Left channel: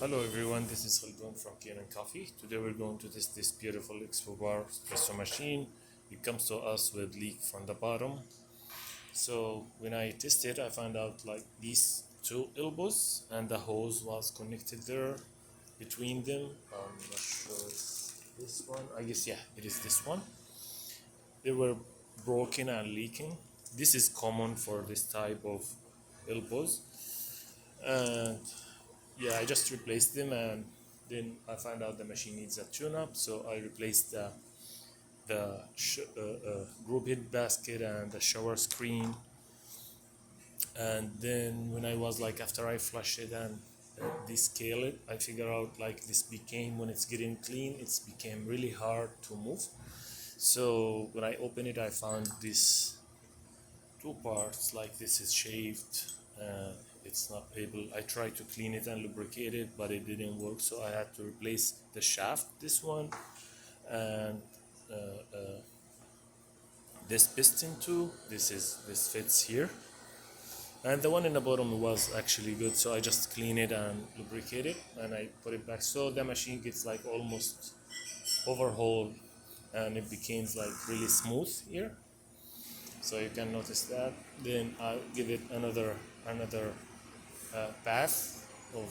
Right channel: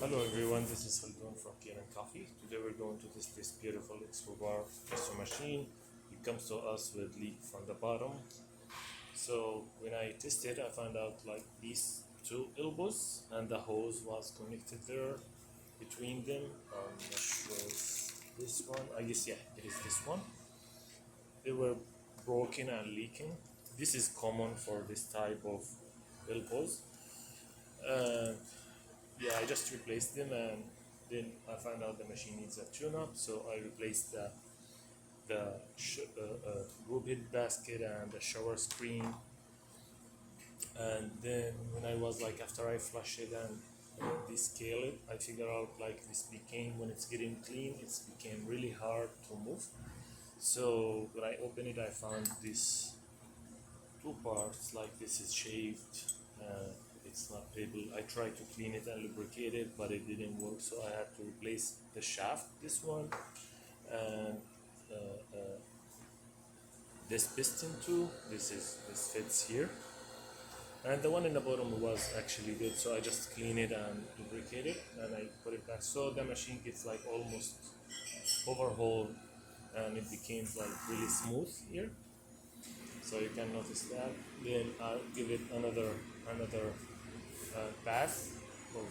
Hello everyone, this is Khaldun from Kanen Coffee. Today we're going to test this beautiful Expobar espresso machine. It comes to us with leak from the bottom. So when I tested, I found out like these two elbows and the hose was connected there between them. I'm not sure if this one. I guess yeah, it is this one. They were broken and leaking. This is common for this type of elbows. And yeah, I just replaced them, and then I found out the machine needs a tune-up, so I replaced the group head basket and the shower screen. And then when I was like, after I flushed it and descale it, I figured out like this became, when it's getting clean, it's became really hard to move. So when I opened it, I found these two parts, like this is shaved. It's not able. I tried to clean it and lubricate it, but it didn't work, so I had to replace the shaft, this one, and uh, uh, this piston too. This fits here, and the one in the bottom was actually good, so I just clean it and lubricate it, and I put it back, so the machine gets like almost overhauled, and it became like really smooth here. So you can notice that. Then I'll give it another bath of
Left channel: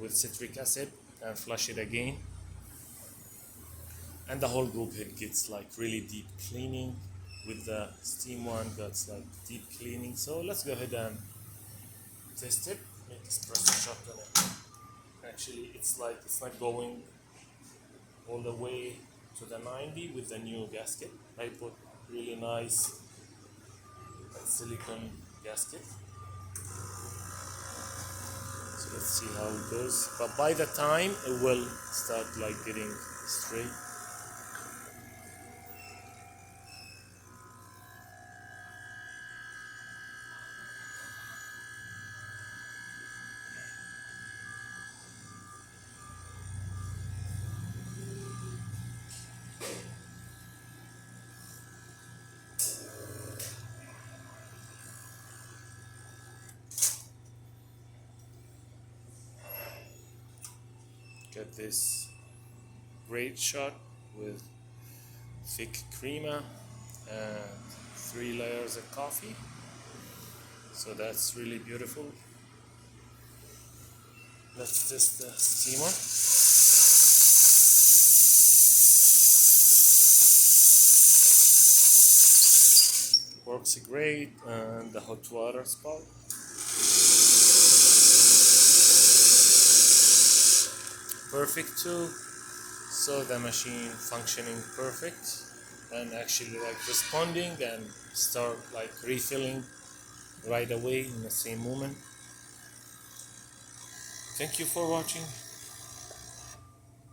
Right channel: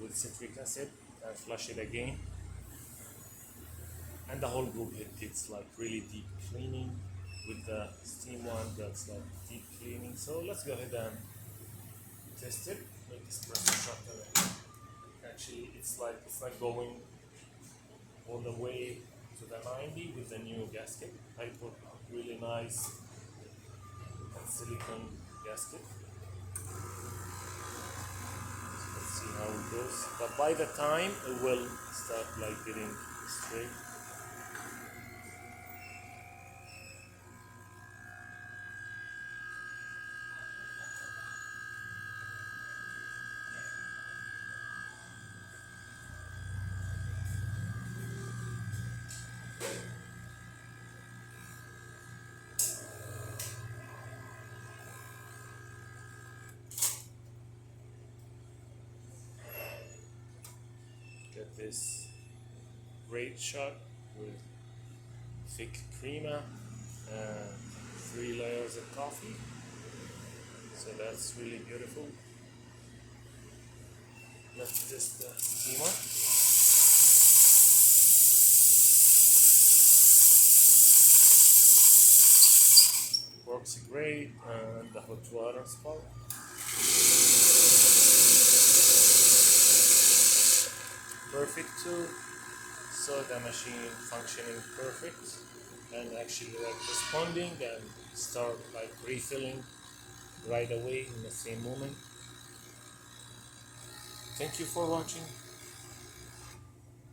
with citric acid and flush it again, and the whole group head gets like really deep cleaning. With the steam one, that's like deep cleaning. So let's go ahead and test it. Make espresso shot on it. Actually, it's like it's not going all the way to the 90 with the new gasket. I put really nice silicone gasket. So let's see how it goes. But by the time it will start like getting straight. Get this great shot with thick crema and 3 layers of coffee. So that's really beautiful. Let's test the steamer. Works great, and the hot water spout. Perfect too. So the machine functioning perfect and actually like responding and start like refilling right away in the same moment. Thank you for watching.